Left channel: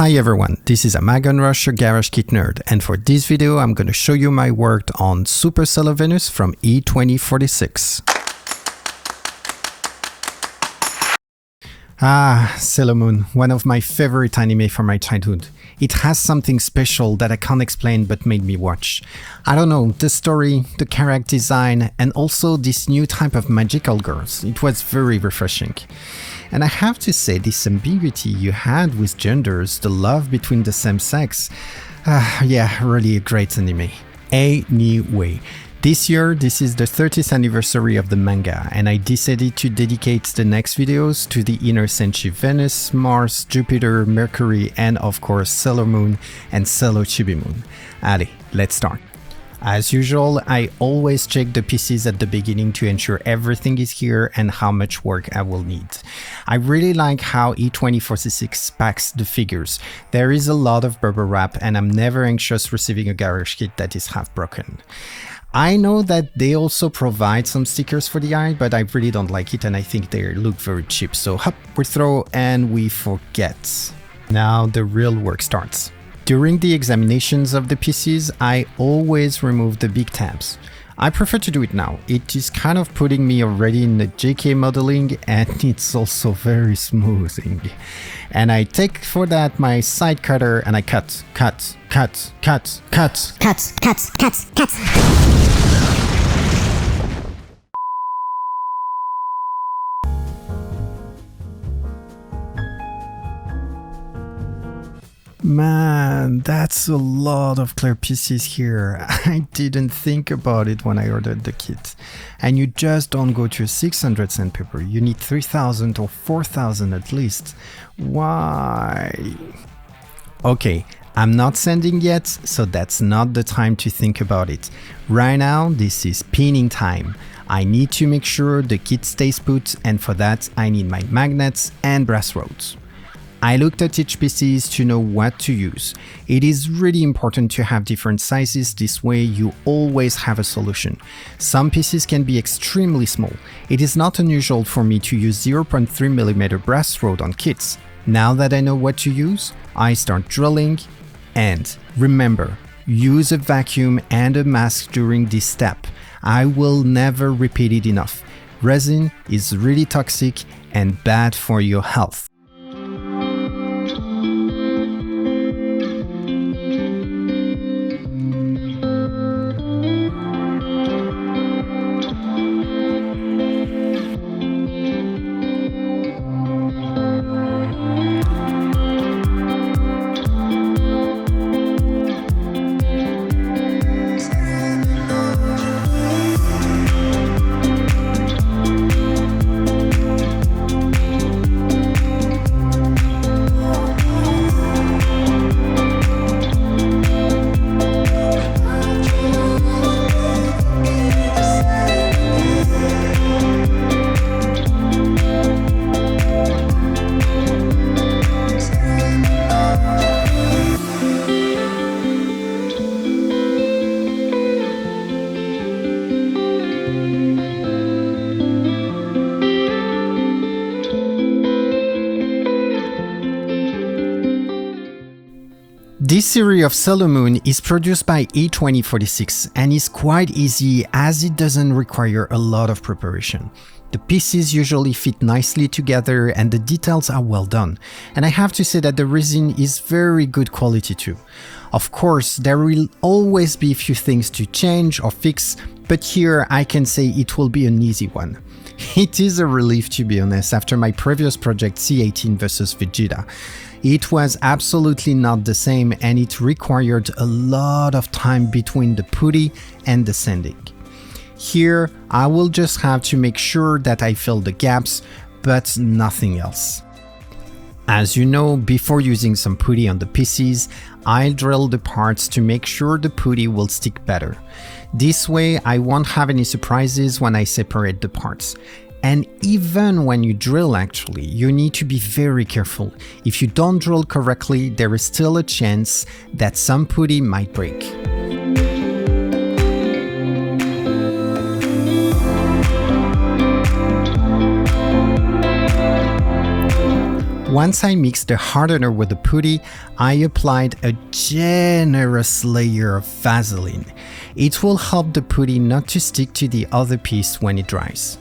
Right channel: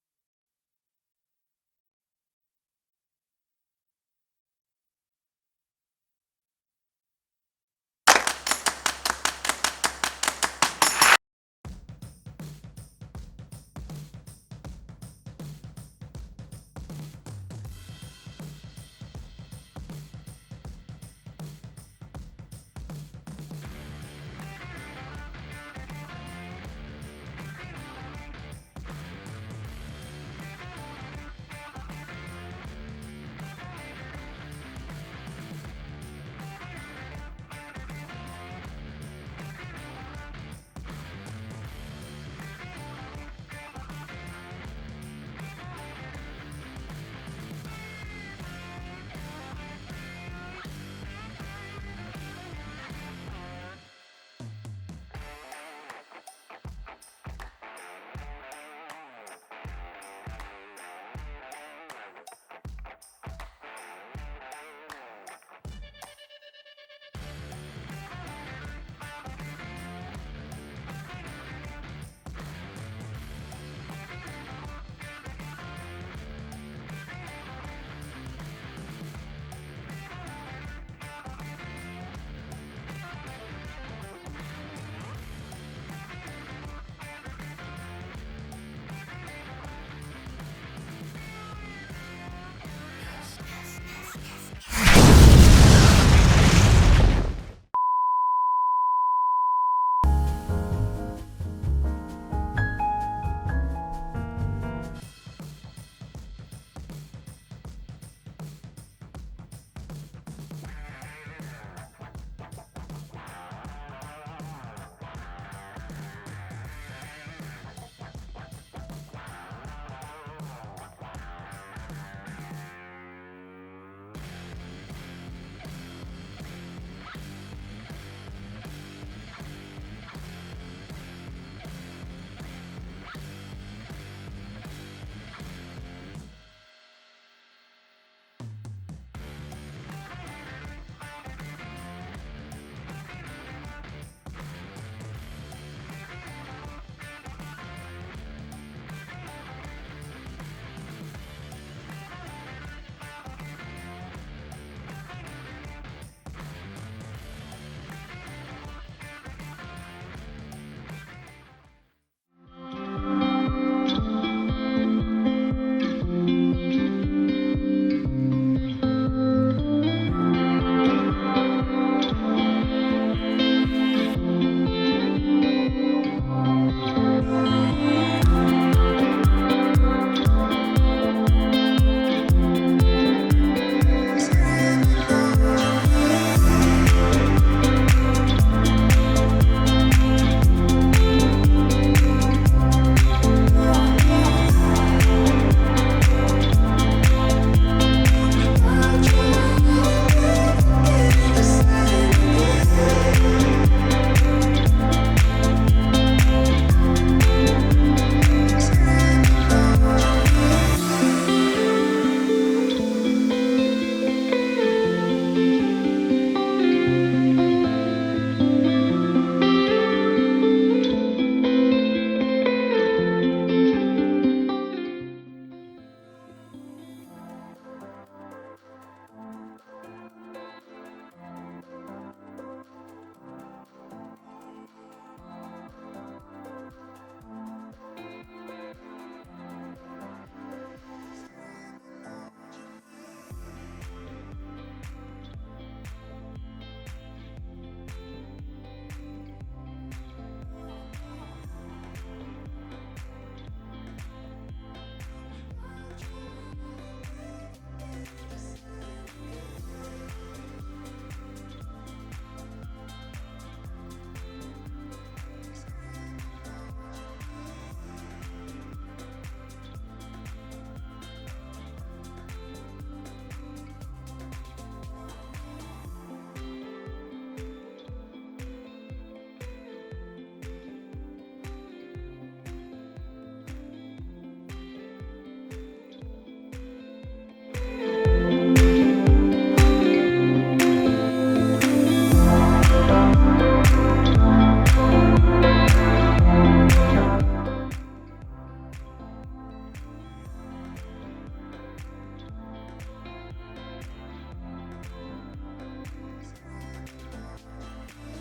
Hi everyone, this is Amagon Rush, your Garage Kit Nerd, and for this video I'm going to show you my work on Super Sailor Venus from E2046. Sailor Moon, one of my favorite anime from my childhood. It has something special that I can't explain but made me watch. I don't know, the story, the character design, and also this new type of magical girls. It was very refreshing. And I have to say, this ambiguity you had with genders, the love between the same sex, really a great anime. Anyway, this year, this is the 30th anniversary of the manga, and I decided to dedicate the next videos to the inner Senshi Venus, Mars, Jupiter, Mercury, and of course Sailor Moon and Sailor Chibi Moon. Allez, let's start. As usual, I always check the pieces at the beginning to ensure everything is here and how much work I will need. I really like how E2046 packs the figures. There is a lot of bubble wrap and I'm never anxious receiving a garage kit that is half broken. I know that they also provide some stickers for the eye, but I really don't like it and I think they look very cheap. So hop, we throw and we forget. Now the real work starts. During the examinations of the pieces, I always remove the big tabs. I prefer to do it now. It is kind of putting me already in the JK modeling and it's also very smoothing. And I take for that my side cutter and I cut. Man, that's a lot of clear pieces here. I didn't think about it when I ordered the kit. And you just don't go to 600 sandpaper, you need 3000 or 4000 at least. Why? Okay, I'm not sanding yet, so that's not the time to think about it. Right now, this is pinning time. I need to make sure the kit stays put, and for that I need my magnets and brass rods. I looked at each pieces to know what to use. It is really important to have different sizes, this way you always have a solution. Some pieces can be extremely small. It is not unusual for me to use 0.3mm brass rod on kits. Now that I know what to use, I start drilling, and remember, use a vacuum and a mask during this step. I will never repeat it enough. Resin is really toxic and bad for your health. This series of Sailor Moon is produced by E2046 and is quite easy as it doesn't require a lot of preparation. The pieces usually fit nicely together and the details are well done. And I have to say that the resin is very good quality too. Of course, there will always be a few things to change or fix, but here I can say it will be an easy one. It is a relief, to be honest, after my previous project C18 vs Vegeta. It was absolutely not the same and it required a lot of time between the putty and the sanding. Here, I will just have to make sure that I fill the gaps, but nothing else. As you know, before using some putty on the pieces, I'll drill the parts to make sure the putty will stick better. This way, I won't have any surprises when I separate the parts. And even when you drill actually, you need to be very careful. If you don't drill correctly, there is still a chance that some putty might break. once I mixed the hardener with the putty, I applied a generous layer of Vaseline. It will help the putty not to stick to the other piece when it dries.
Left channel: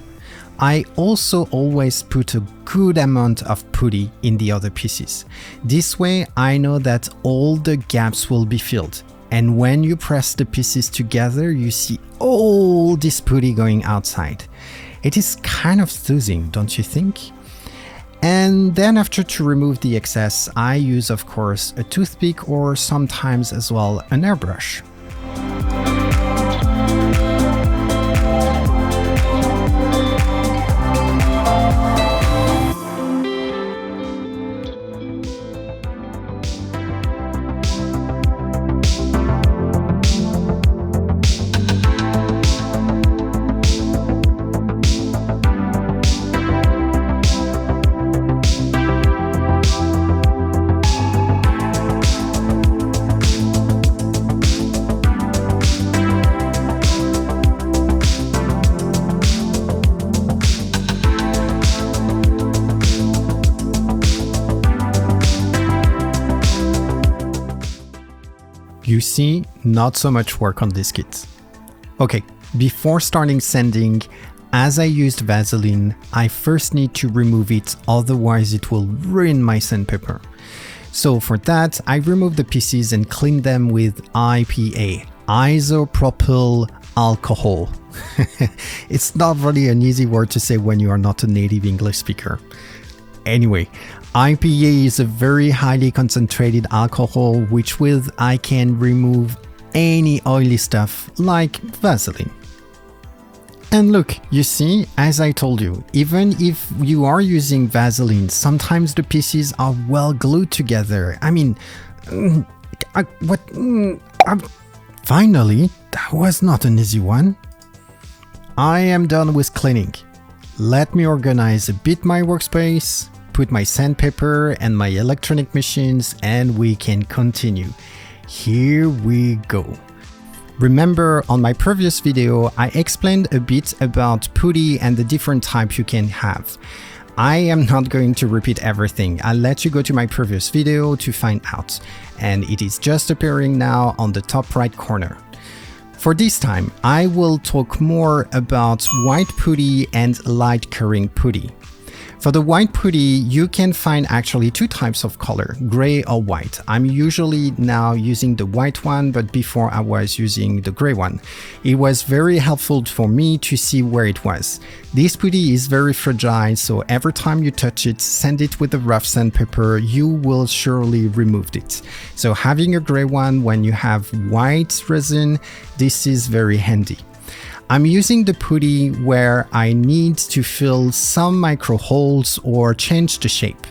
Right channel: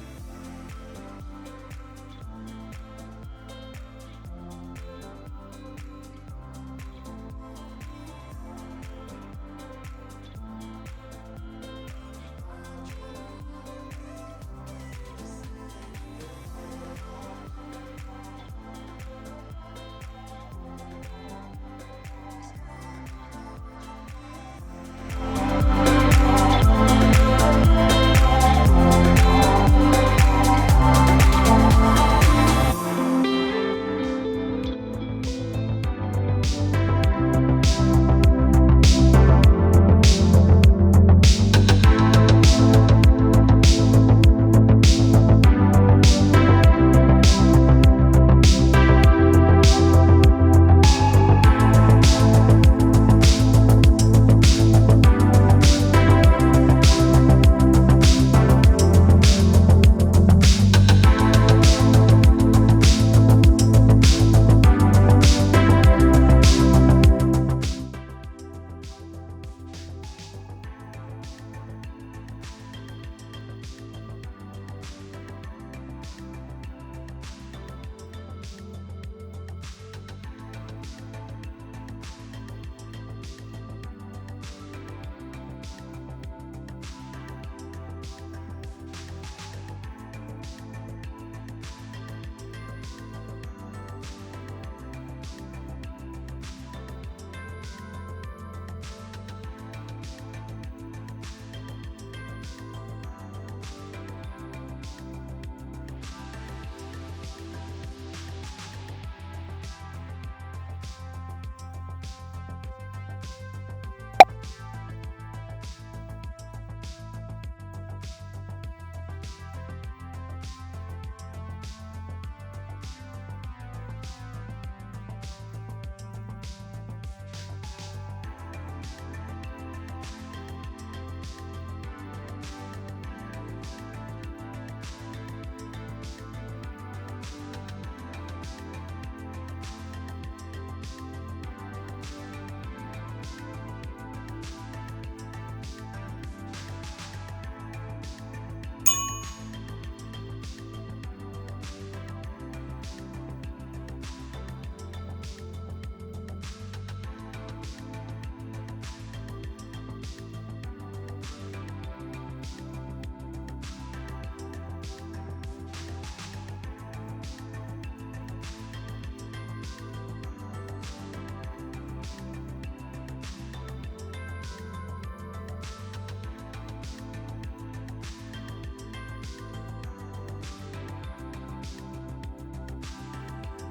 I also always put a good amount of putty in the other pieces. This way I know that all the gaps will be filled. And when you press the pieces together, you see all this putty going outside. It is kind of soothing, don't you think? And then after, to remove the excess, I use of course a toothpick or sometimes as well an airbrush. You see, not so much work on this kit. Okay, before starting sanding, as I used Vaseline, I first need to remove it, otherwise it will ruin my sandpaper. So for that, I remove the pieces and clean them with IPA, isopropyl alcohol. It's not really an easy word to say when you are not a native English speaker. Anyway, IPA is a very highly concentrated alcohol which with I can remove any oily stuff like Vaseline. And look, you see, as I told you, even if you are using Vaseline, sometimes the pieces are well glued together. I mean, finally, that was not an easy one. I am done with cleaning. Let me organize a bit my workspace, put my sandpaper and my electronic machines, and we can continue. Here we go. Remember, on my previous video, I explained a bit about putty and the different types you can have. I am not going to repeat everything. I'll let you go to my previous video to find out. And it is just appearing now on the top right corner. For this time, I will talk more about white putty and light curing putty. For the white putty, you can find actually two types of color, gray or white. I'm usually now using the white one, but before I was using the gray one. It was very helpful for me to see where it was. This putty is very fragile, so every time you touch it, sand it with a rough sandpaper, you will surely remove it. So having a gray one when you have white resin, this is very handy. I'm using the putty where I need to fill some micro holes or change the shape.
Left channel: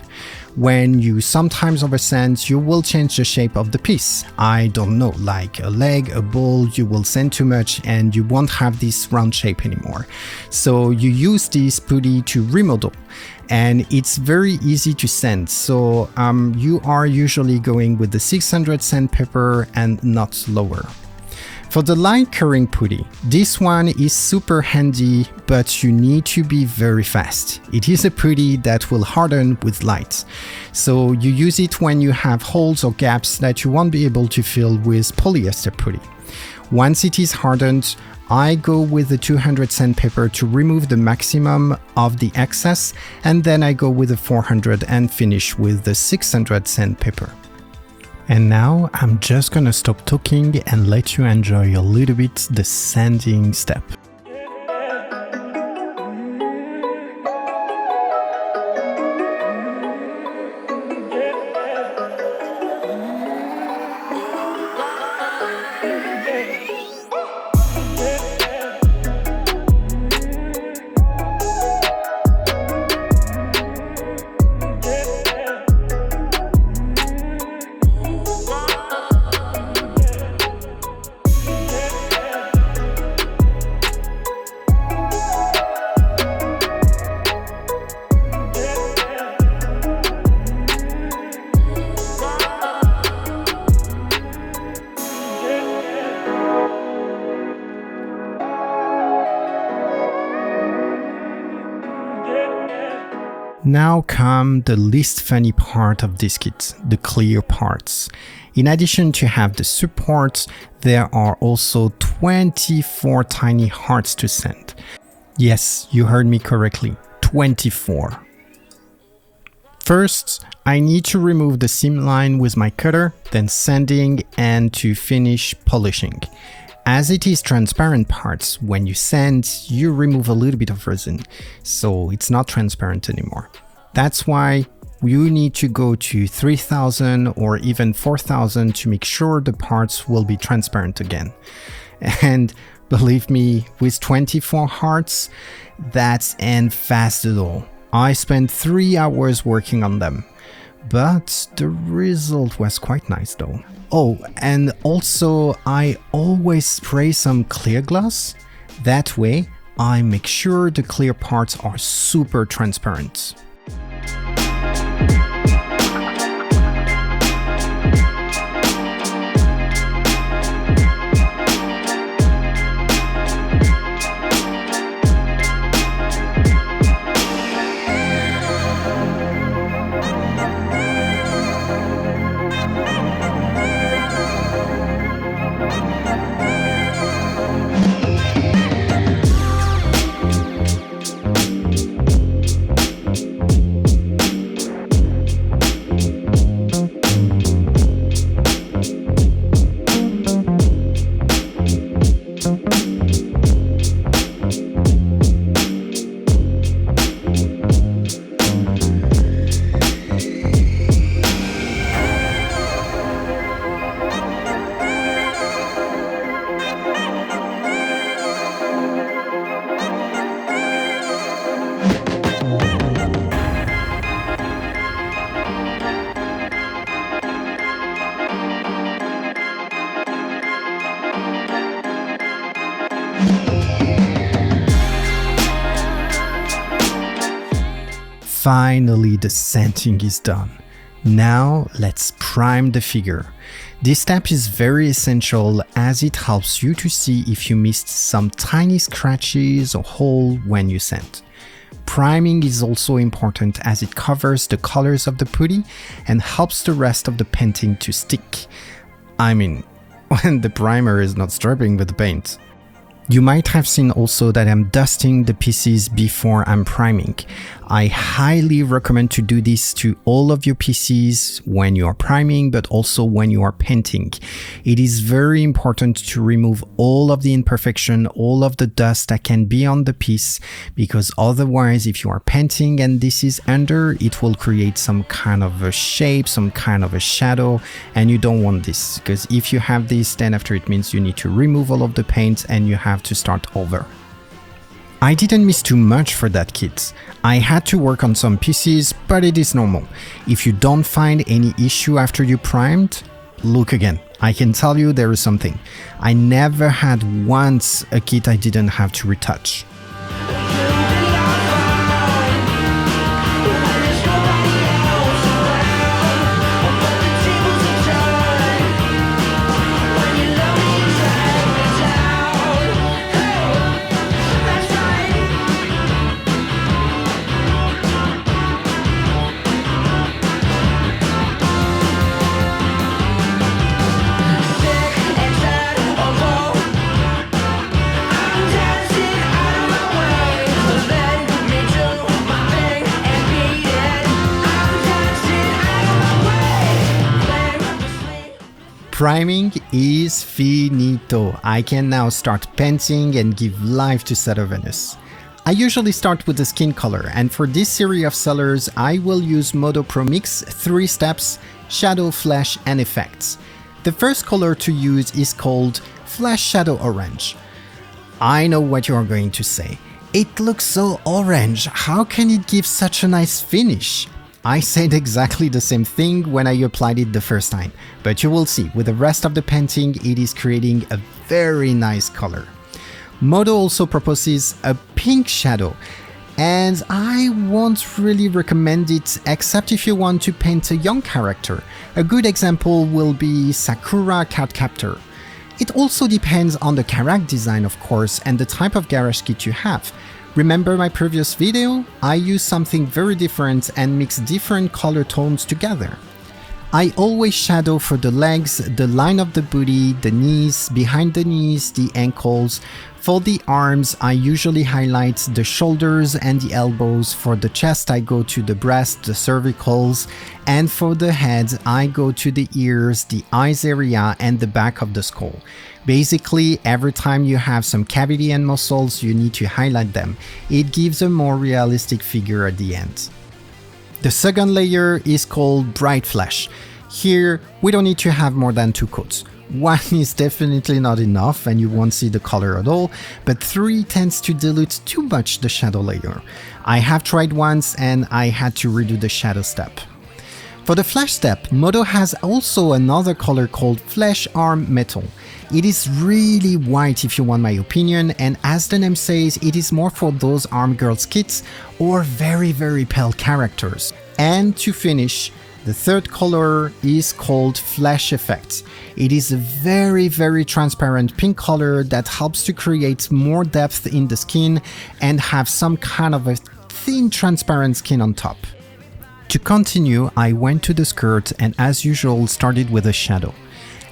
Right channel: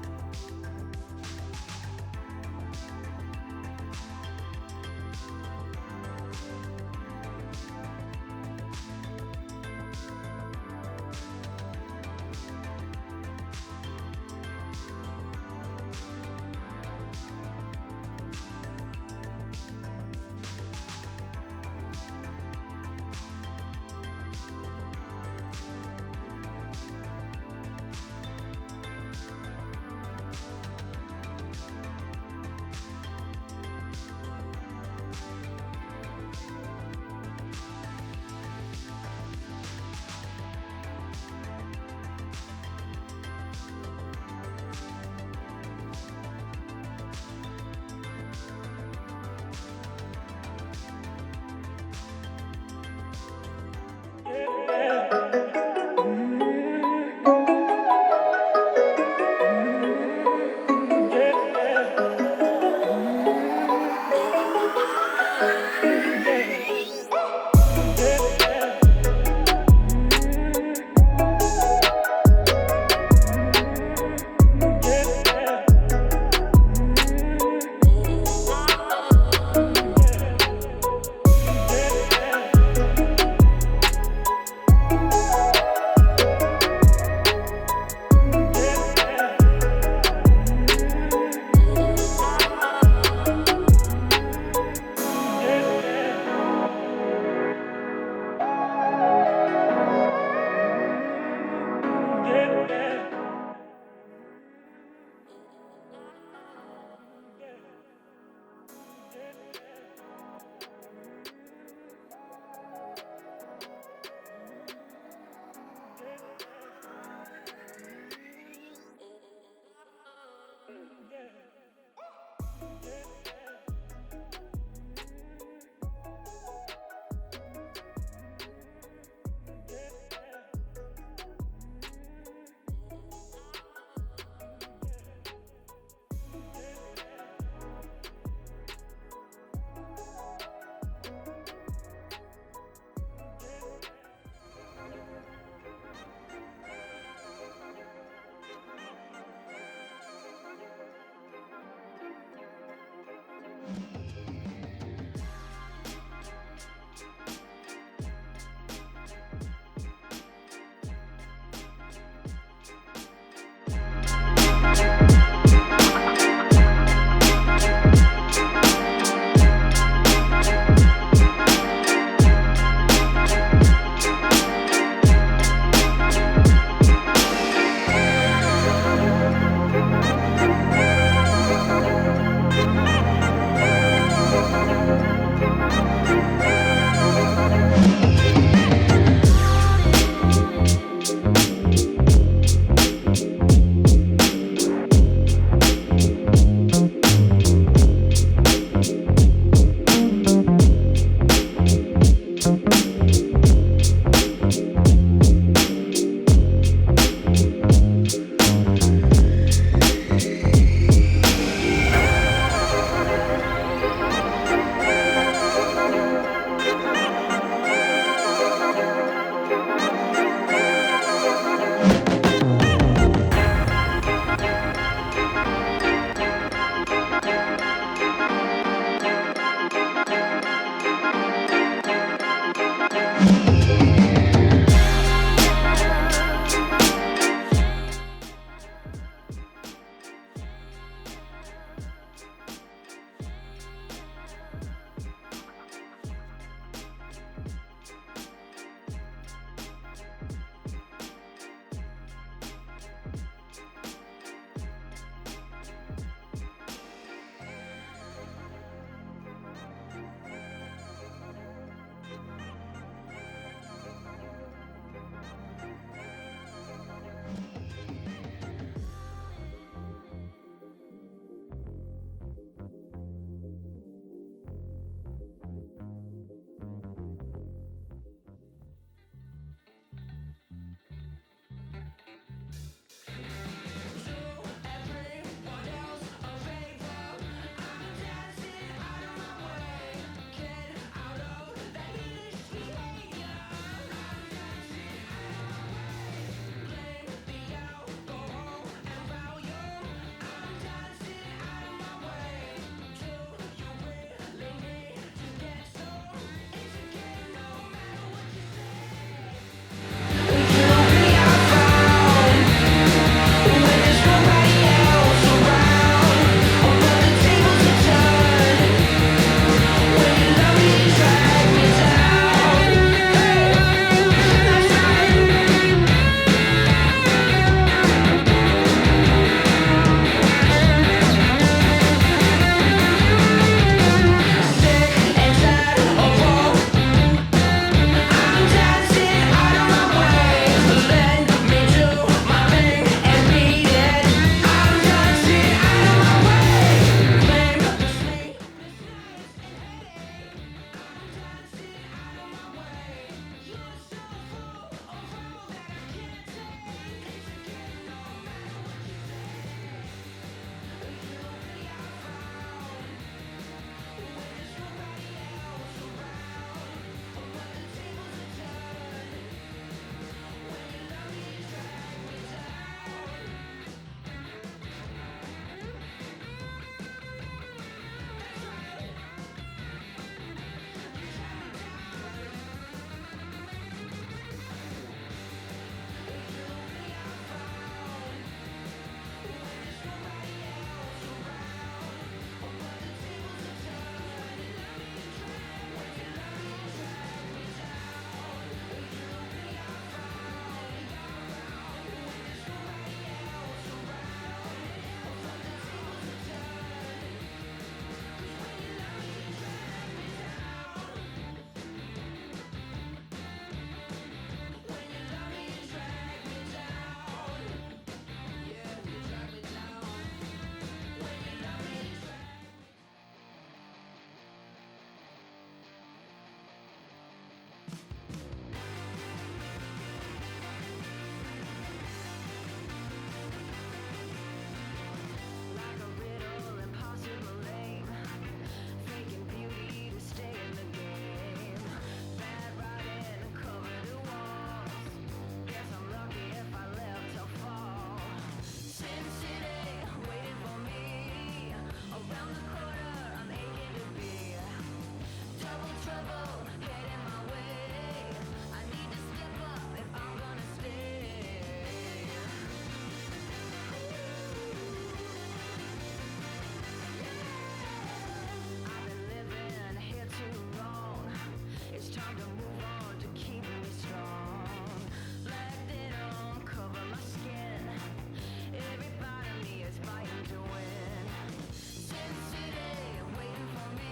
When you sometimes oversand, you will change the shape of the piece. I don't know, like a leg, a ball, you will sand too much and you won't have this round shape anymore. So you use this putty to remodel. And it's very easy to sand, so you are usually going with the 600 sandpaper and not lower. For the light curing putty, this one is super handy, but you need to be very fast. It is a putty that will harden with light. So you use it when you have holes or gaps that you won't be able to fill with polyester putty. Once it is hardened, I go with the 200 sandpaper to remove the maximum of the excess, and then I go with the 400 and finish with the 600 sandpaper. And now I'm just gonna stop talking and let you enjoy a little bit the sanding step. Now come the least funny part of this kit, the clear parts. In addition to have the support, there are also 24 tiny hearts to send. Yes, you heard me correctly, 24. First, I need to remove the seam line with my cutter, then sanding and to finish polishing. As it is transparent parts, when you sand, you remove a little bit of resin, so it's not transparent anymore. That's why you need to go to 3000 or even 4000 to make sure the parts will be transparent again. And believe me, with 24 hearts, that's ain't fast at all. I spent 3 hours working on them. But the result was quite nice though. Oh, and also I always spray some clear gloss. That way I make sure the clear parts are super transparent. Finally, the sanding is done. Now let's prime the figure. This step is very essential as it helps you to see if you missed some tiny scratches or hole when you sand. Priming is also important as it covers the colors of the putty and helps the rest of the painting to stick. I mean, when the primer is not stripping with the paint. You might have seen also that I'm dusting the pieces before I'm priming. I highly recommend to do this to all of your pieces when you are priming, but also when you are painting. It is very important to remove all of the imperfection, all of the dust that can be on the piece, because otherwise if you are painting and this is under, it will create some kind of a shape, some kind of a shadow, and you don't want this, because if you have this, then after it means you need to remove all of the paint and you have to start over. I didn't miss too much for that kit. I had to work on some pieces, but it is normal. If you don't find any issue after you primed, look again. I can tell you there is something. I never had once a kit I didn't have to retouch. Priming is finito. I can now start painting and give life to Cellar Venus. I usually start with the skin color, and for this series of cellars I will use Modo Pro Mix 3 steps, shadow, flash and effects. The first color to use is called Flash Shadow Orange. I know what you are going to say. It looks so orange, how can it give such a nice finish? I said exactly the same thing when I applied it the first time, but you will see, with the rest of the painting it is creating a very nice color. Modo also proposes a pink shadow, and I won't really recommend it except if you want to paint a young character. A good example will be Sakura Cardcaptor. It also depends on the character design of course and the type of garage kit you have. Remember my previous video? I used something very different and mixed different color tones together. I always shadow for the legs, the line of the booty, the knees, behind the knees, the ankles. For the arms, I usually highlight the shoulders and the elbows. For the chest, I go to the breast, the cervicals. And for the head, I go to the ears, the eyes area, and the back of the skull. Basically, every time you have some cavity and muscles, you need to highlight them. It gives a more realistic figure at the end. The second layer is called bright flesh. Here, we don't need to have more than 2 coats. 1 is definitely not enough and you won't see the color at all, but 3 tends to dilute too much the shadow layer. I have tried once and I had to redo the shadow step. For the flesh step, Modo has also another color called Flesh Arm Metal. It is really white if you want my opinion, and as the name says, it is more for those arm girls kits or very pale characters. And to finish, the third color is called Flesh Effect. It is a very transparent pink color that helps to create more depth in the skin and have some kind of a thin transparent skin on top. To continue, I went to the skirt and as usual started with a shadow.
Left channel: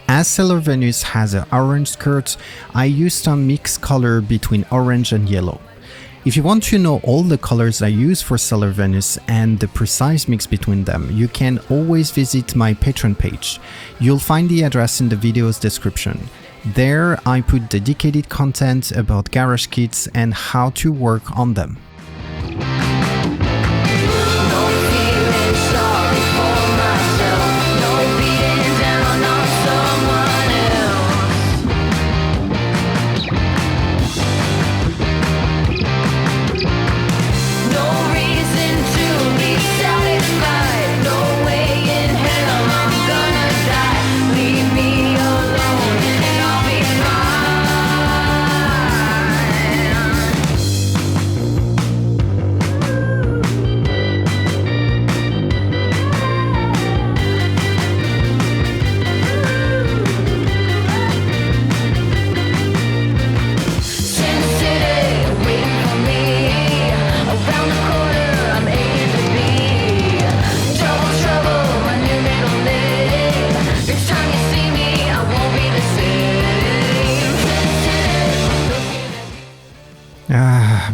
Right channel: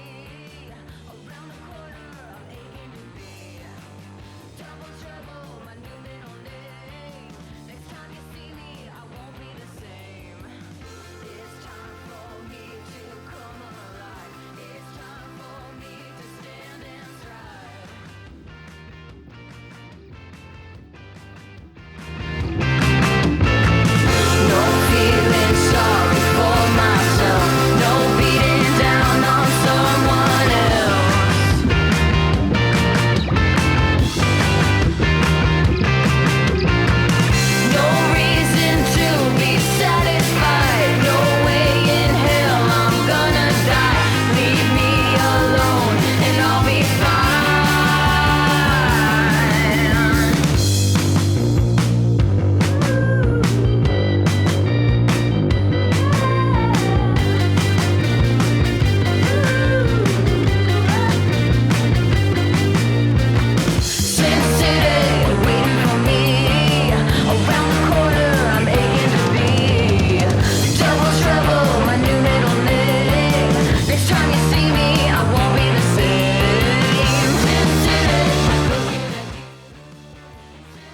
As Sailor Venus has an orange skirt, I used some mixed color between orange and yellow. If you want to know all the colors I use for Sailor Venus and the precise mix between them, you can always visit my Patreon page. You'll find the address in the video's description. There I put dedicated content about garage kits and how to work on them.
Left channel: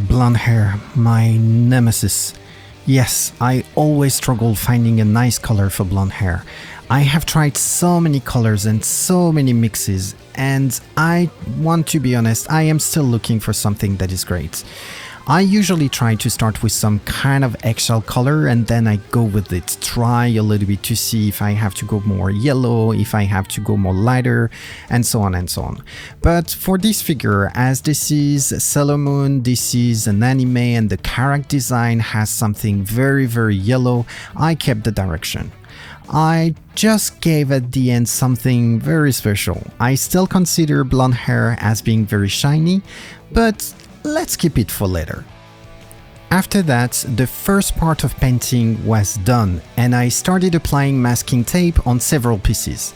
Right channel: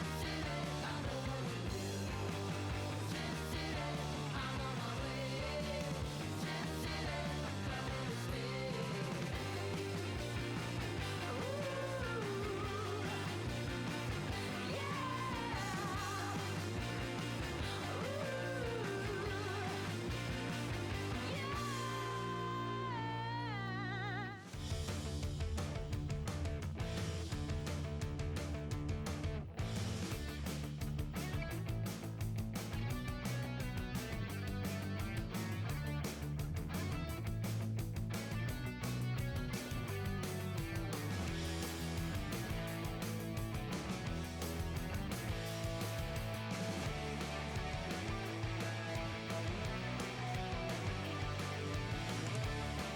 Blonde hair, my nemesis. Yes, I always struggle finding a nice color for blonde hair. I have tried so many colors and so many mixes, and I want to be honest, I am still looking for something that is great. I usually try to start with some kind of eggshell color and then I go with it, try a little bit to see if I have to go more yellow, if I have to go more lighter, and so on and so on. But for this figure, as this is Sailor Moon, this is an anime and the character design has something very yellow, I kept the direction. I just gave at the end something very special. I still consider blonde hair as being very shiny, but let's keep it for later. After that, the first part of painting was done and I started applying masking tape on several pieces.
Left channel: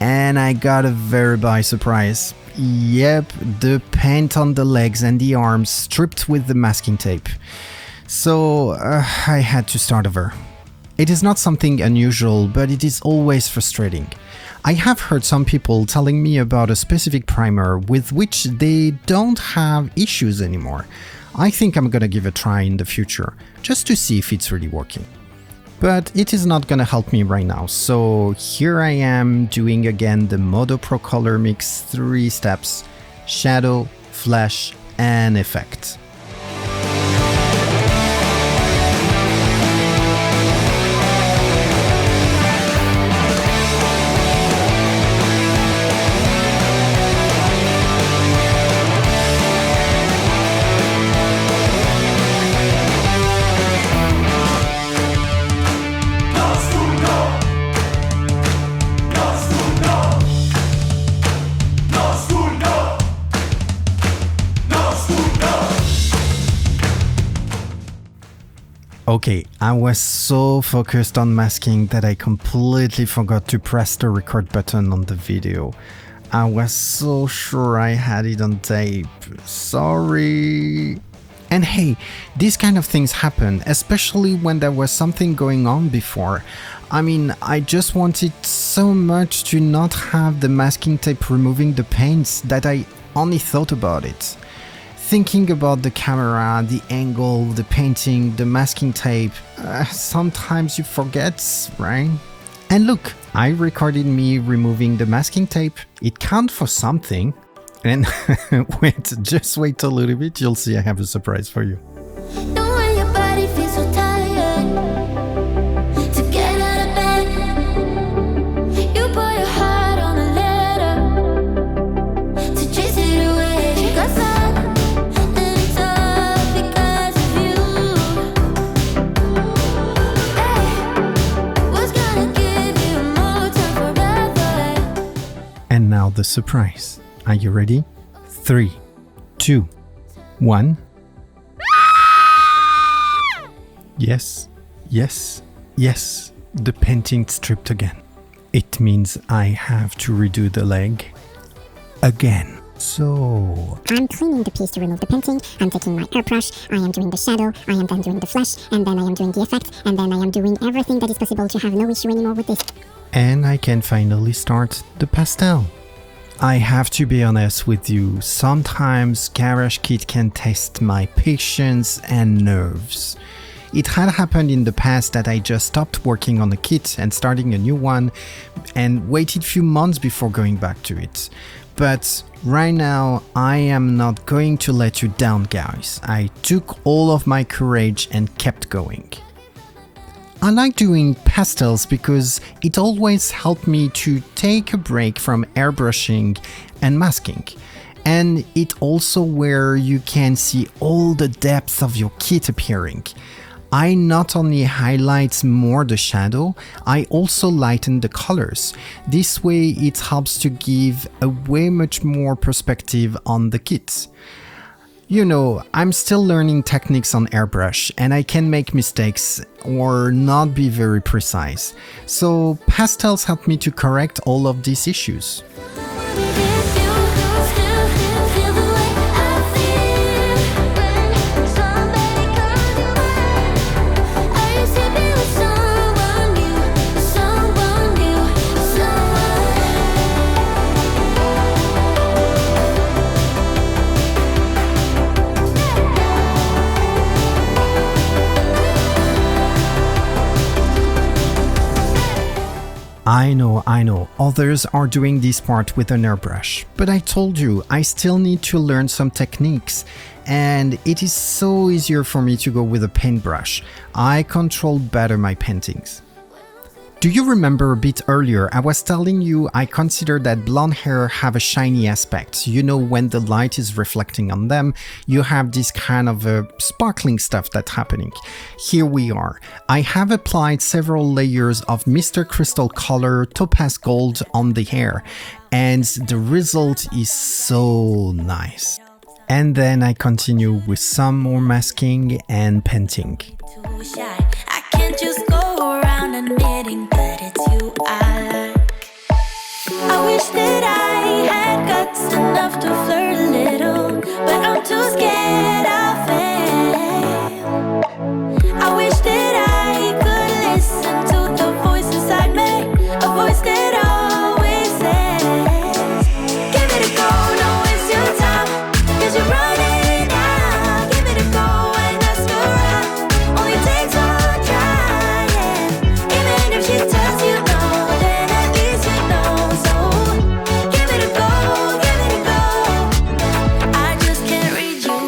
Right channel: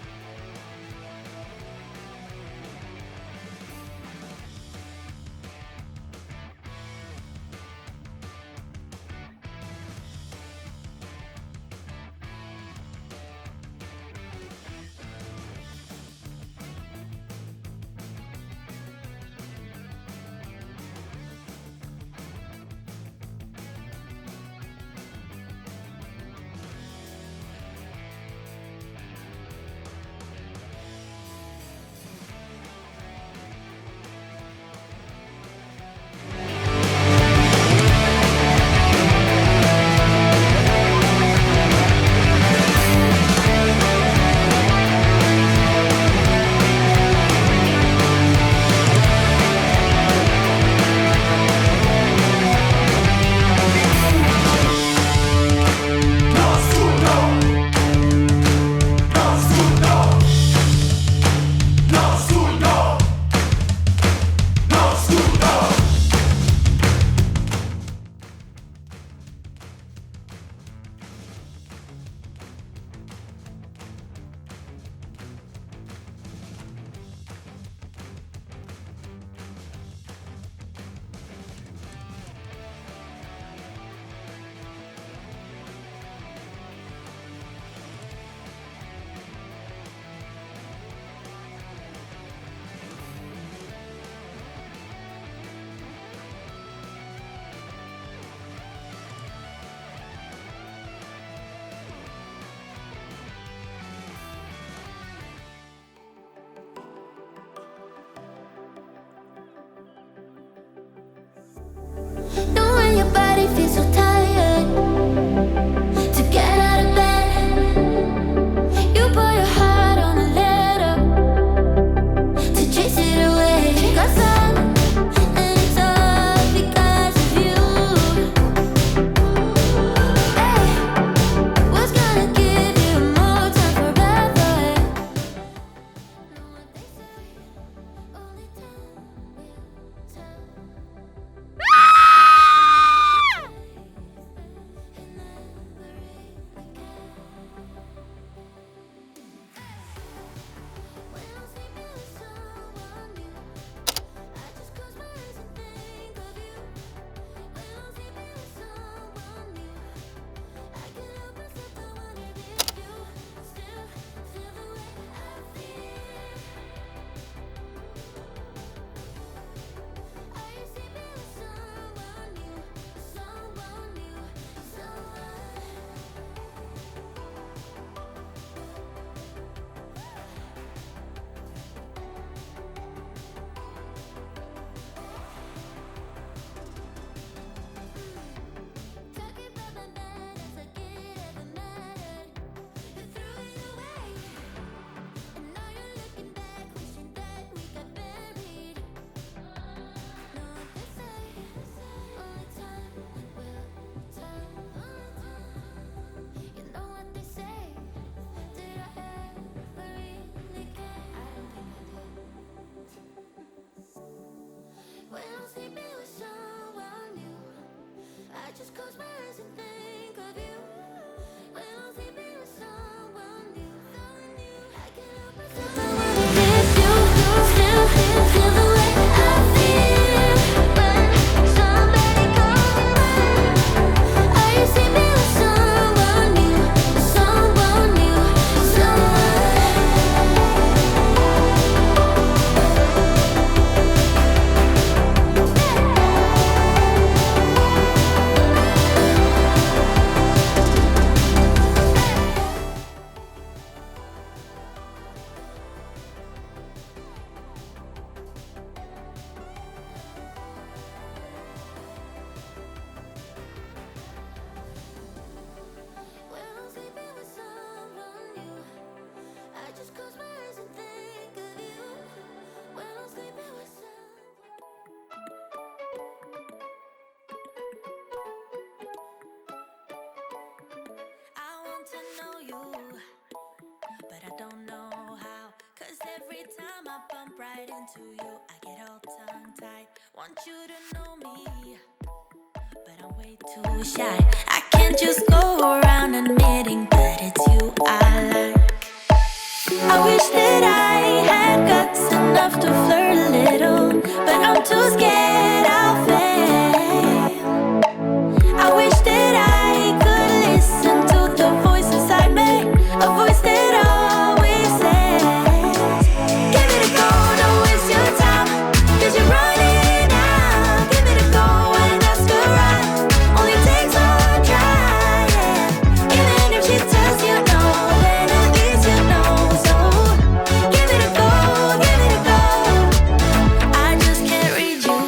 And I got a very big surprise. Yep, the paint on the legs and the arms stripped with the masking tape. So I had to start over. It is not something unusual, but it is always frustrating. I have heard some people telling me about a specific primer with which they don't have issues anymore. I think I'm gonna give it a try in the future, just to see if it's really working. But it is not gonna help me right now, so here I am doing again the Modo Pro Color Mix 3 steps: shadow, flesh, and effect. Okay, I was so focused on masking that I completely forgot to press the record button on the video. I was so sure I had it on tape. Sorry. And hey, these kind of things happen, especially when there was something going on before. I mean, I just wanted so much to not have the masking tape removing the paints that I only thought about it. Thinking about the camera, the angle, the painting, the masking tape, sometimes you forget, right? And look, I recorded me removing the masking tape. It counts for something. And just wait a little bit, you'll see I have a surprise for you. Know when your body feels so tired to get out of bed, you put your heart on a letter to chase it away. 'Cause I'm and it's all because of you. Hey, what's gonna give you more time forever? And now the surprise. Are you ready? 3, 2, 1. Yes, yes, yes. The painting stripped again. It means I have to redo the leg again. So I'm cleaning the piece to remove the painting, I'm taking my airbrush, I am doing the shadow, I am then doing the flesh, and then I am doing the effect, and then I am doing everything that is possible to have no issue anymore with this. and I can finally start the pastel. I have to be honest with you, sometimes Garage Kit can test my patience and nerves. It had happened in the past that I just stopped working on a kit and starting a new one and waited few months before going back to it. But right now, I am not going to let you down, guys. I took all of my courage and kept going. I like doing pastels because it always helped me to take a break from airbrushing and masking. And it also where you can see all the depth of your kit appearing. I not only highlight more the shadow, I also lighten the colors. This way it helps to give a way much more perspective on the kit. You know, I'm still learning techniques on airbrush and I can make mistakes or not be very precise. So pastels help me to correct all of these issues. If you still feel the way I feel when somebody calls you out, are you sleeping with someone new, someone new, someone? I know, others are doing this part with an airbrush, but I told you, I still need to learn some techniques, and it is so easier for me to go with a paintbrush. I control better my paintings. Do you remember a bit earlier, I was telling you I consider that blonde hair have a shiny aspect. You know, when the light is reflecting on them, you have this kind of sparkling stuff that's happening. Here we are. I have applied several layers of Mr. Crystal Color Topaz Gold on the hair, and the result is so nice. And then I continue with some more masking and painting. Too shy. I can't just go around admitting that it's you I like. I wish that I had guts enough to flirt a little, but I'm too scared I'll fail. I wish that I could listen to the voice inside me, a voice that always says, give it a go, don't waste your time, 'cause you're running out. Give it a go and ask her out. Only takes one try, yeah. Even if she tells you no, then at least you know. So give it a go, give it a go. I just can't read you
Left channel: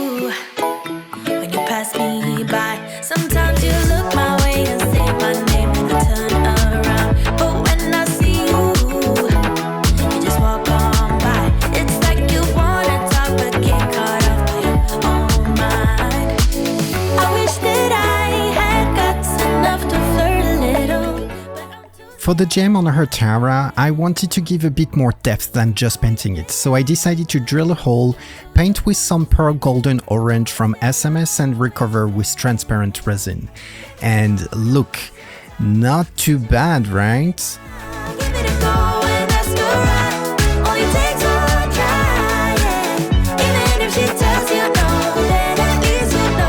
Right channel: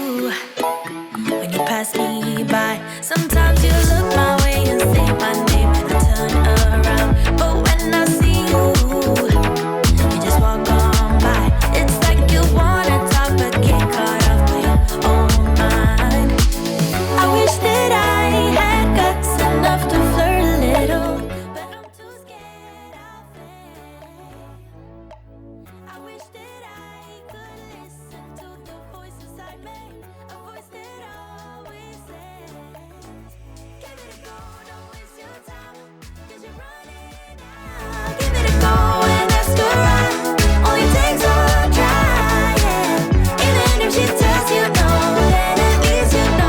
when you pass me by. Sometimes you look my way and say my name, and I turn around. But when I see you, you just walk on by. It's like you wanna talk but get caught off by your own mind. I wish that I had guts enough to flirt a little, but I'm too. For the gem on her tiara, I wanted to give a bit more depth than just painting it, so I decided to drill a hole, paint with some pearl golden orange from SMS and recover with transparent resin. And look, not too bad, right? Give it a go and ask her out. Only takes one try, yeah. Even if she tells you no, then at least you know.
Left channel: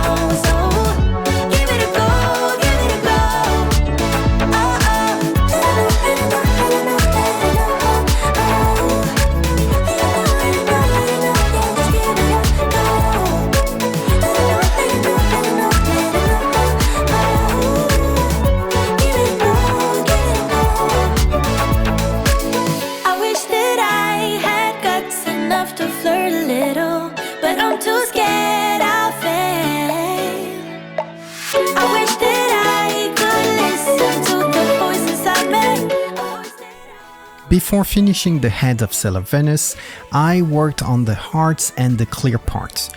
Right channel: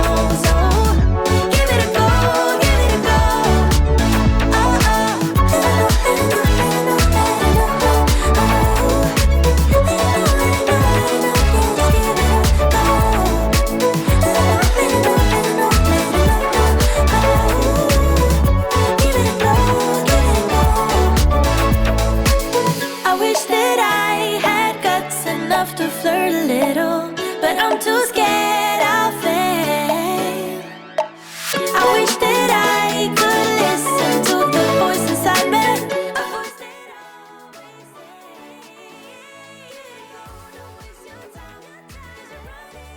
too scared I'll fail. I wish that I could listen to the voice inside me. A voice that Before finishing the head of Cell of Venus, I worked on the hearts and the clear parts.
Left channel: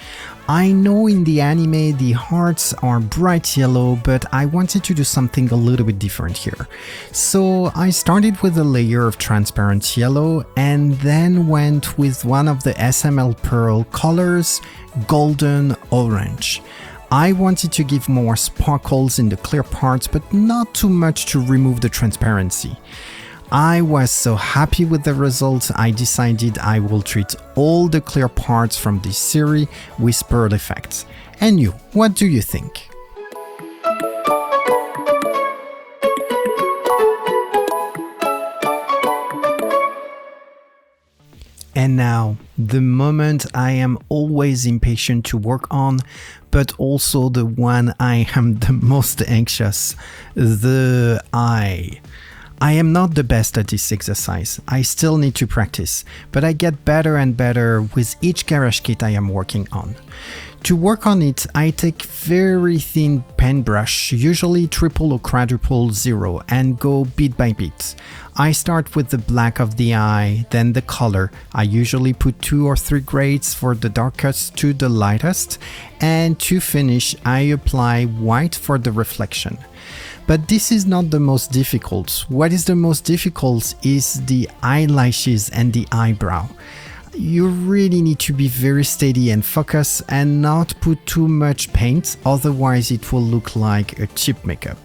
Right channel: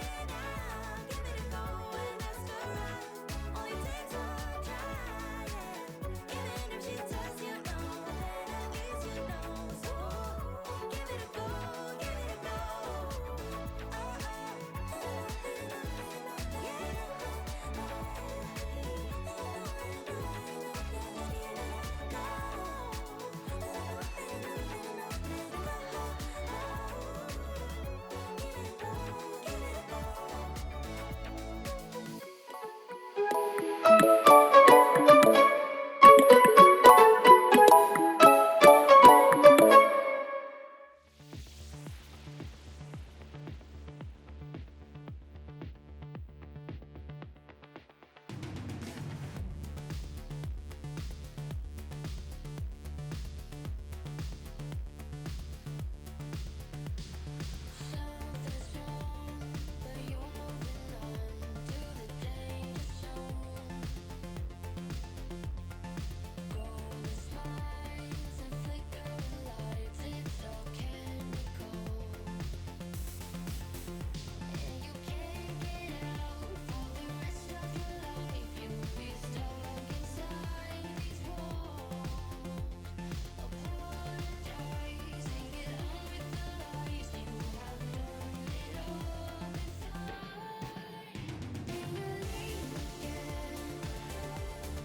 I know in the anime the hearts are bright yellow, but I wanted to do something a little bit different here. So I started with a layer of transparent yellow and then went with one of the SML Pearl colors, golden orange. I wanted to give more sparkles in the clear parts, but not too much to remove the transparency. I was so happy with the results, I decided I will treat all the clear parts from this series with pearl effects. And you, what do you think? And now, the moment I am always impatient to work on, but also the one I am the most anxious, the eye. I am not the best at this exercise, I still need to practice, but I get better and better with each garage kit I am working on. To work on it, I take very thin paintbrush, usually triple or quadruple 0, and go bit by bit. I start with the black of the eye, then the color. I usually put 2 or 3 grades for the darkest to the lightest, and to finish, I apply white for the reflection. But this is not the most difficult. What is the most difficult is the eyelashes and the eyebrow. You really need to be very steady and focus and not put too much paint, otherwise it will look like a cheap makeup.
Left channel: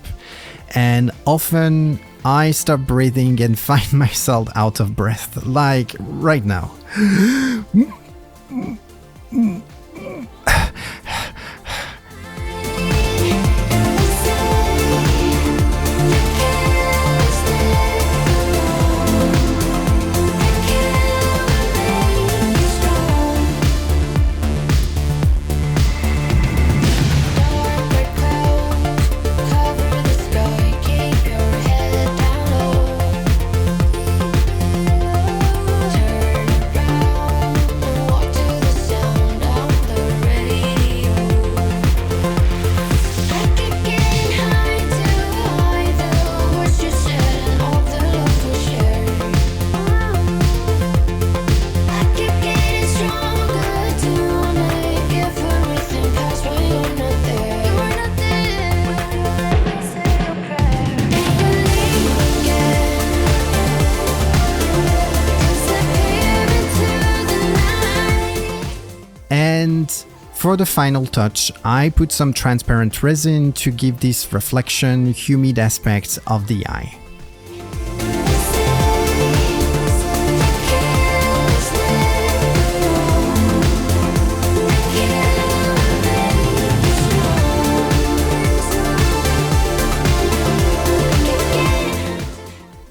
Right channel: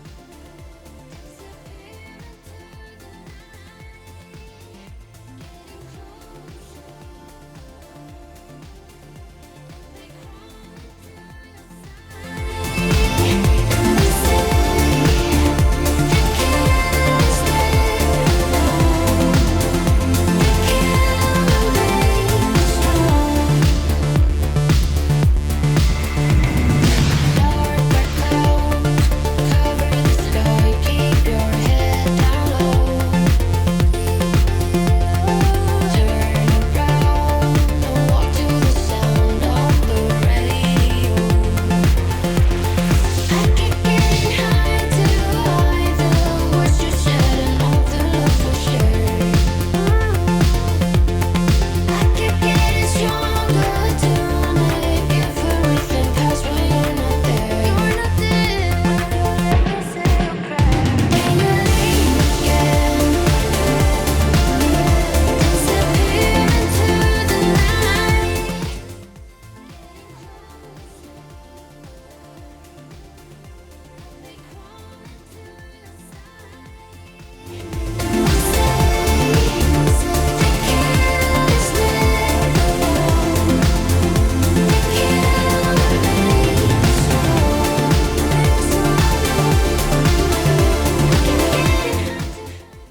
And often I stop breathing and find myself out of breath, like right now. For the final touch, I put some transparent resin to give this reflection, humid aspect of the eye.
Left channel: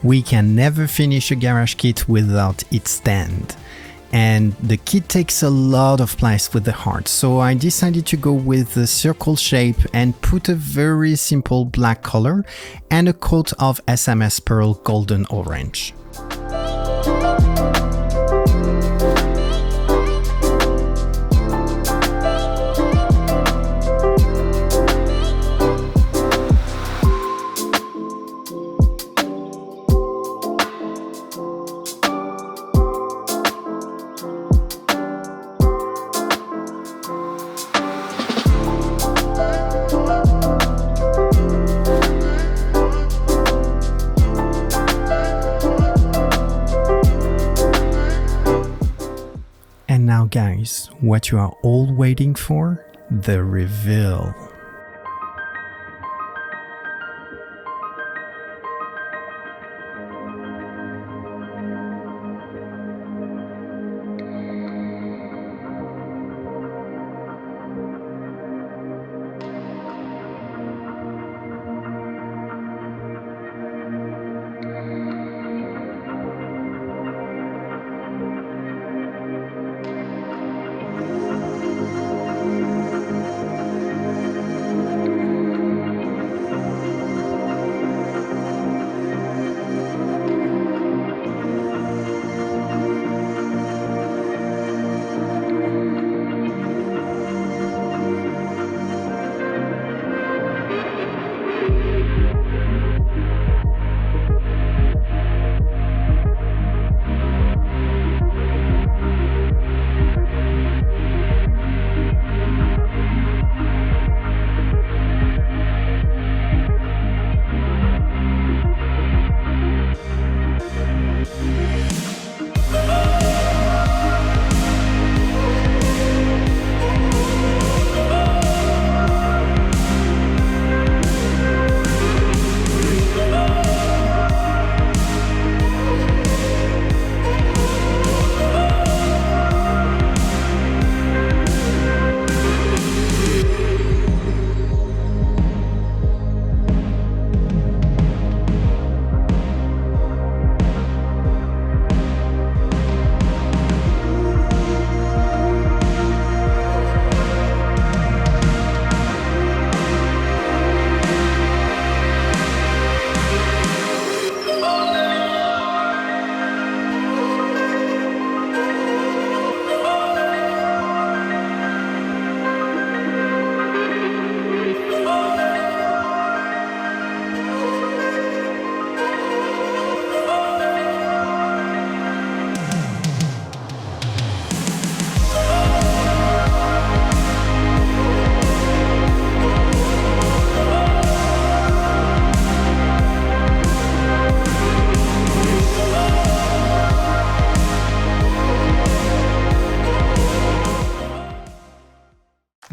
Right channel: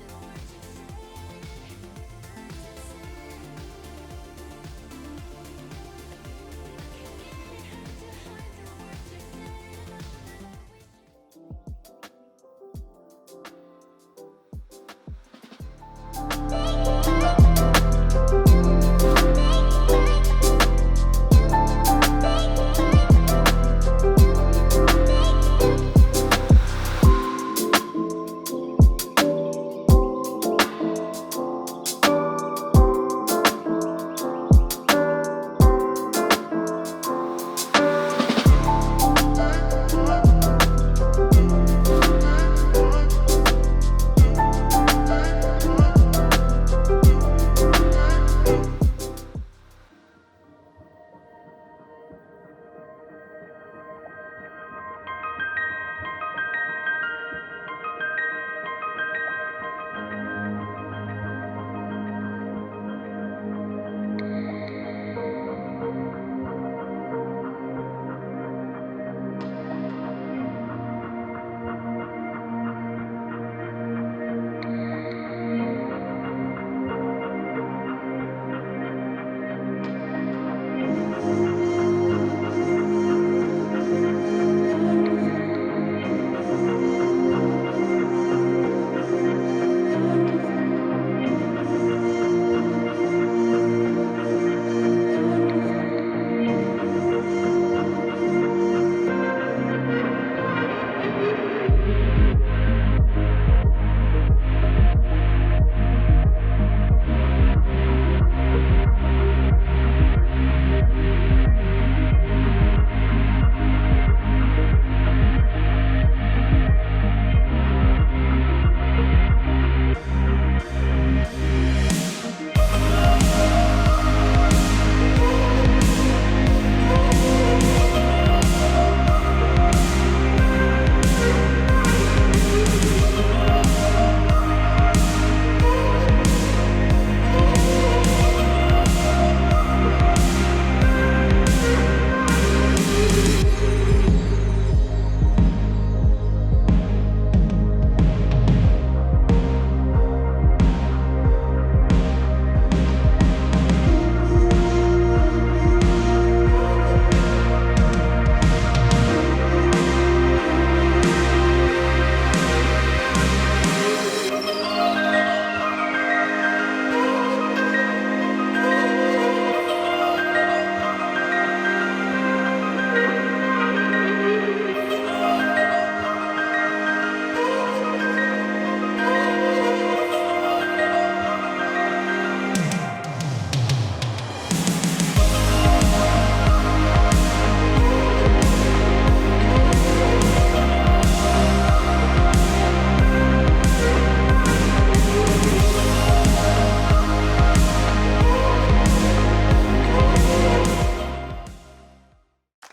We can never finish a garage kit without its stand. And the kit takes a lot of place with the heart, so I decided to go with the circle shape and put a very simple black color and a coat of SMS Pearl golden orange. Now guys, what you are all waiting for? The reveal.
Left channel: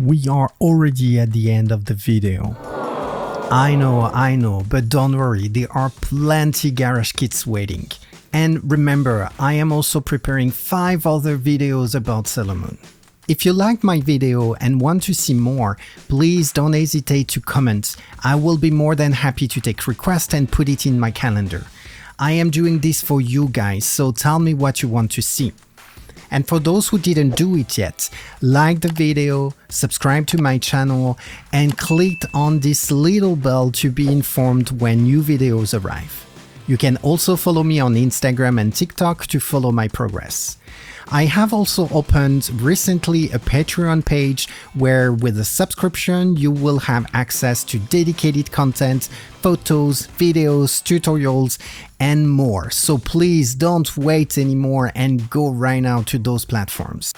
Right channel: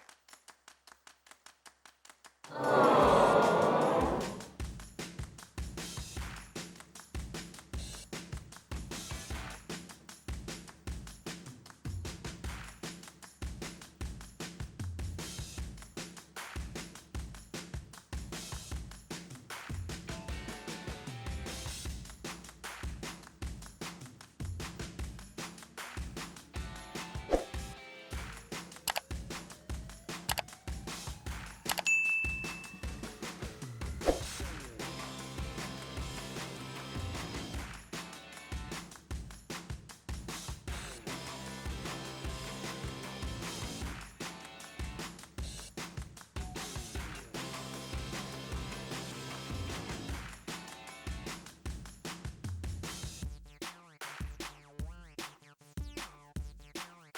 We are already at the end of the video. I know, but don't worry, there are plenty garage kits waiting. And remember, I am also preparing 5 other videos about Salomon. If you liked my video and want to see more, please don't hesitate to comment. I will be more than happy to take requests and put it in my calendar. I am doing this for you guys, so tell me what you want to see. And for those who didn't do it yet, like the video, subscribe to my channel, and click on this little bell to be informed when new videos arrive. You can also follow me on Instagram and TikTok to follow my progress. I have also opened recently a Patreon page where with a subscription you will have access to dedicated content, photos, videos, tutorials, and more. So please don't wait anymore and go right now to those platforms.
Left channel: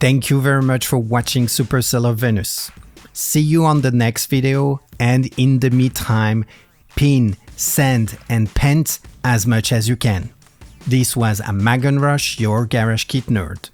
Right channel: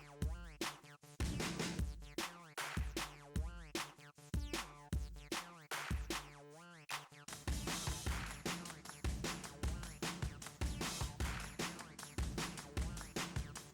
Thank you very much for watching Supercell of Venus. See you on the next video, and in the meantime, pin, sand, and paint as much as you can. This was Amagon Rush, your garage kit nerd.